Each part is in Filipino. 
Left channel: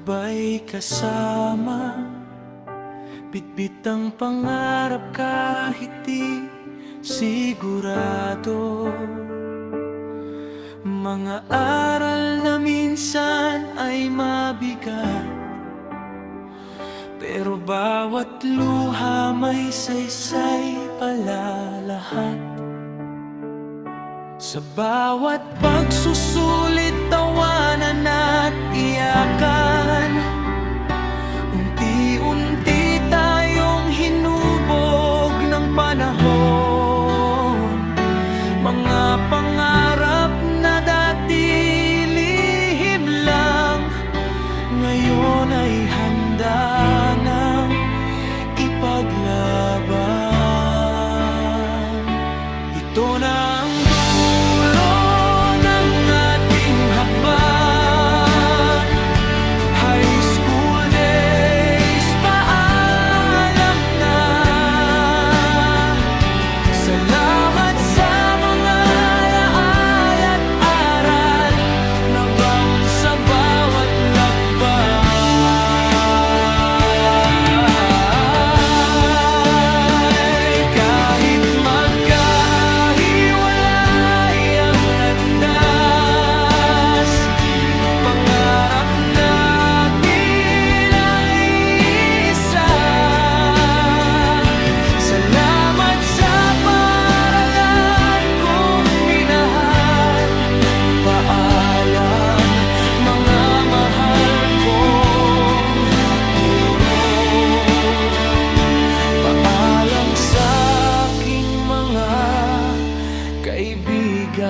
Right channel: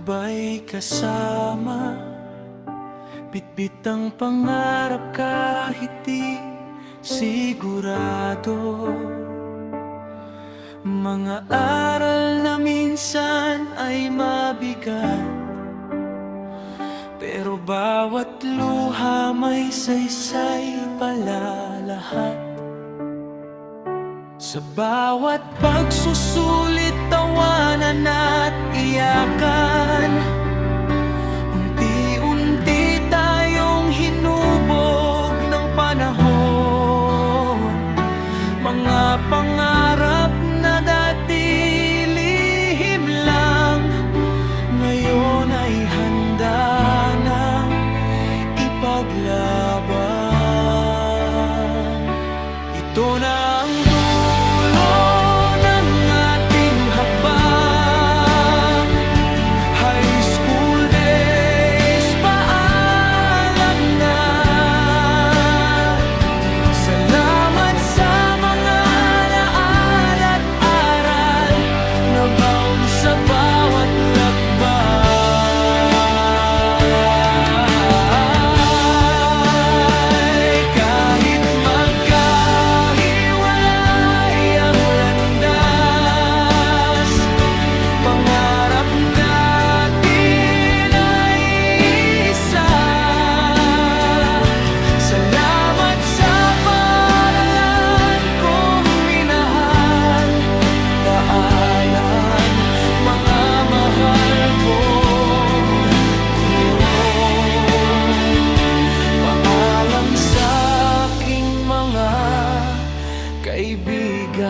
ba'y kasama? Bitbit ang pangarap kahit di sigurado. Mga aral na minsan ay mabigat, pero bawat luha may saysay pala lahat. Sa bawat pagsusulit, tawanan at iyakan, unti-unti tayong hinubog ng panahon. Mga pangarap na dati lihim lang, ngayon ay handa nang ipaglaban. Ito na ang dulo ng ating hakbang. High school days, paalam na. Salamat sa mga alaala at aral na baon sa bawat lakbay. Kahit magkahiwalay ang landas, pangarap natin ay isa. Salamat sa paaralan kong minahal. Paalam, mga mahal kong guro. Paalam sa aking mga kaibigan.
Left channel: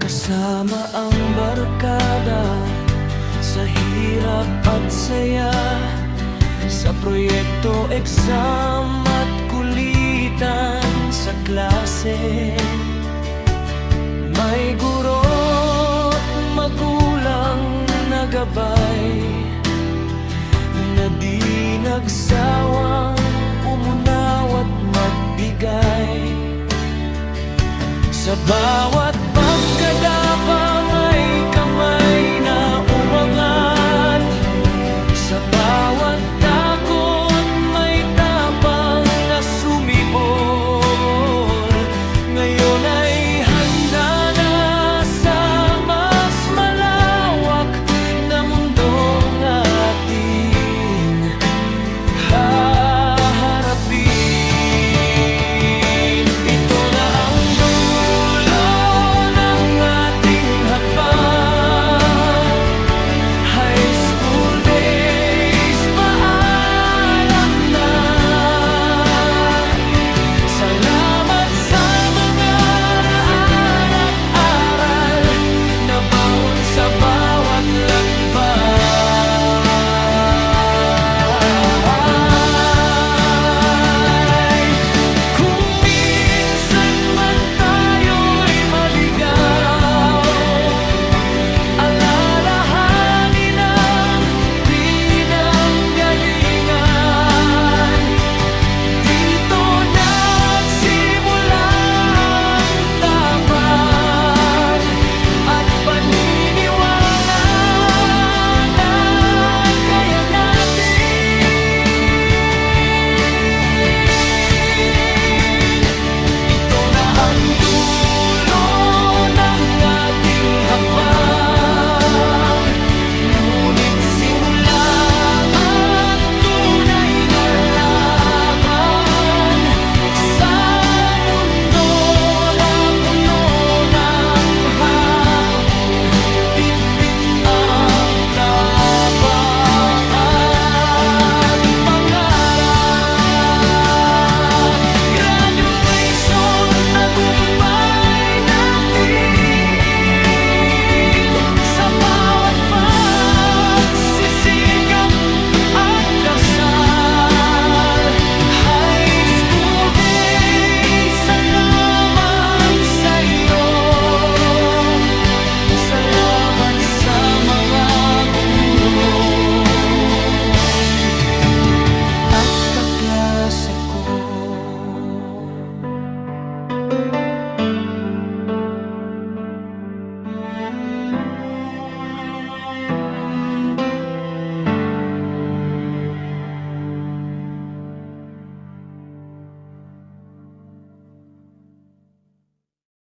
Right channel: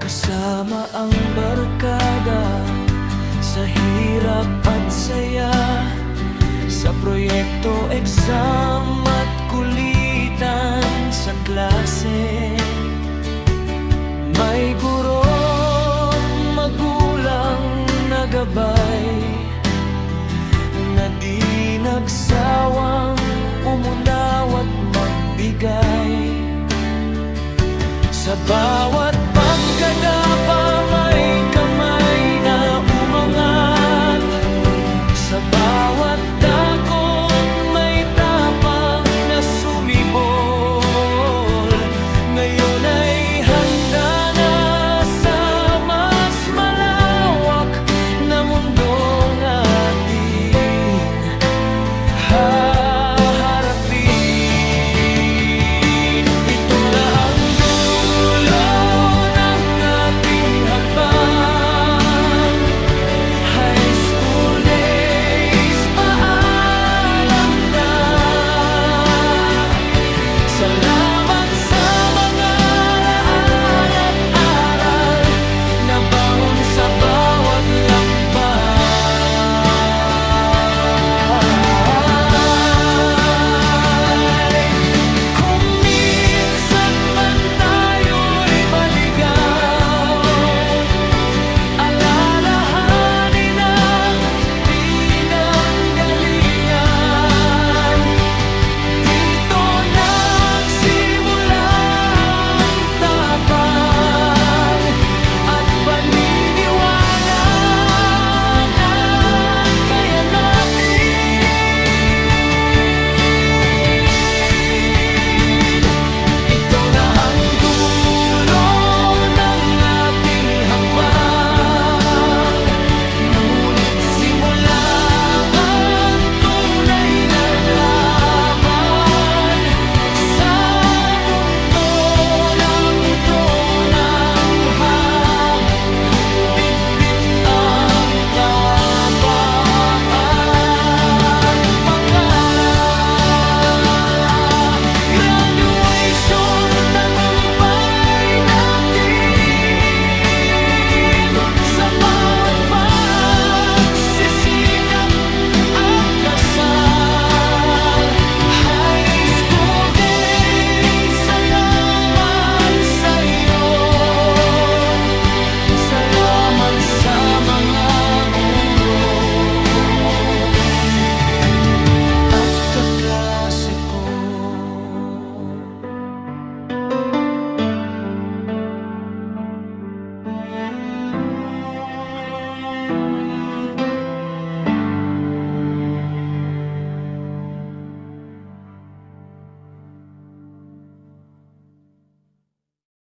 Kasama ang barkada sa hirap at saya, sa proyekto, exam at kulitan sa klase. May guro't magulang na gabay, na di nagsawang umunaw at magbigay. Sa bawat pagkadapa may kamay na umangat, sa bawat